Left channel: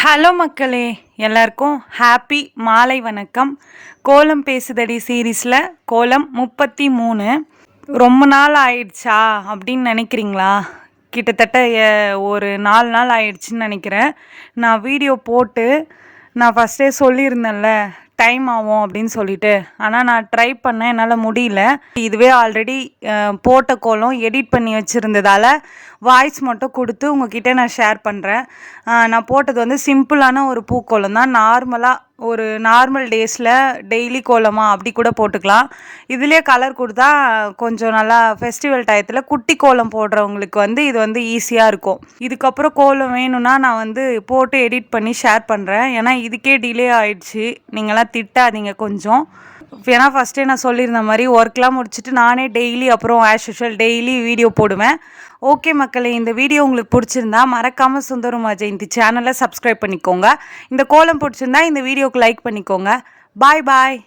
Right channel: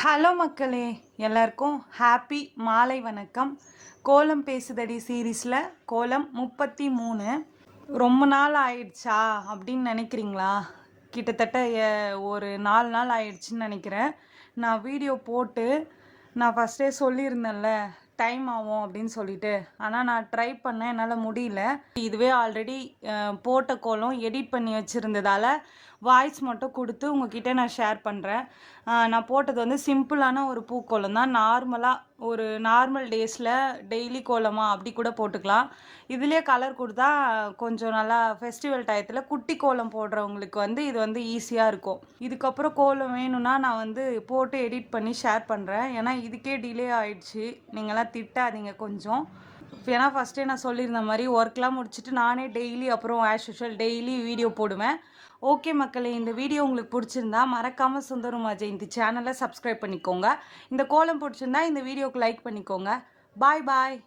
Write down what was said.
Hello மக்களே, எல்லாருக்கும் happy மாலை வணக்கம். கோலம் பேசுதடி சீரீஸில் கோலம் 33. ரொம்ப நாள் ஆயிடுச்சா அப்படின்னு நினைக்கிறீங்களா? கிட்டத்தட்ட ஒரு 4 நாள் ஆயிடுச்சுன்னு நினைக்கிறேன். நான் வீடியோ போட்டு நான் ஃபஸ்ட்டே சொல்லியிருந்தேன்ல டைம் ஆகும் அப்படின்னு சொல்லிட்டு. ஆனால் நான் ட்ரை பண்ணேன், என்னால் முடியல. இதுவே ஆல்ரெடி போட்ட கோலம் எடிட் பண்ணி வச்சுருந்ததால் வாய்ஸ் மட்டும் கொடுத்து உங்ககிட்ட நான் ஷேர் பண்ணுறேன். நான் போட்டது வந்து சிம்பிளான ஒரு பூக்கோலம் தான். நார்மலாக ஒரு நார்மல் டேஸில் டெய்லி கோலமாக அப்படி கூட போட்டுக்கலாம். இதிலே கலர் கொடுத்தா கொஞ்சம் நல்லா ஃபெஸ்டிவல் டயத்தில் குட்டி கோலம் போடுறவங்களுக்கு வந்து இது வந்து ஈஸியாக இருக்கும். இதுக்கப்புறம் கோலம் வேணும்னா நான் வந்து போட்டு எடிட் பண்ணி ஷேர் பண்ணுறேன். ஏன்னா இதுக்கே டிலே ஆயிடுச்சு, நீங்களாம் திட்டாதீங்க கொஞ்சம். ஏன்னா ஃபஸ்ட்டே நான் சொல்லியிருந்த மாதிரி ஒர்க்லாம் முடிச்சுட்டு நானே டெய்லி அப்புறம் ஆஸ் யூஷுவல் டெய்லி வீடியோ போடுவேன். ஓகே மக்களே, இந்த வீடியோ உங்களுக்கு பிடிச்சிருந்தா மறக்காமல் சுந்தரமா ஜெயந்தி சேனலை சப்ஸ்கிரைப் பண்ணிக்கோங்க. இந்த கோலம் பிடிச்சிருந்தா இந்த வீடியோக்கு லைக் பண்ணிக்கோங்க. பாய் பாய்.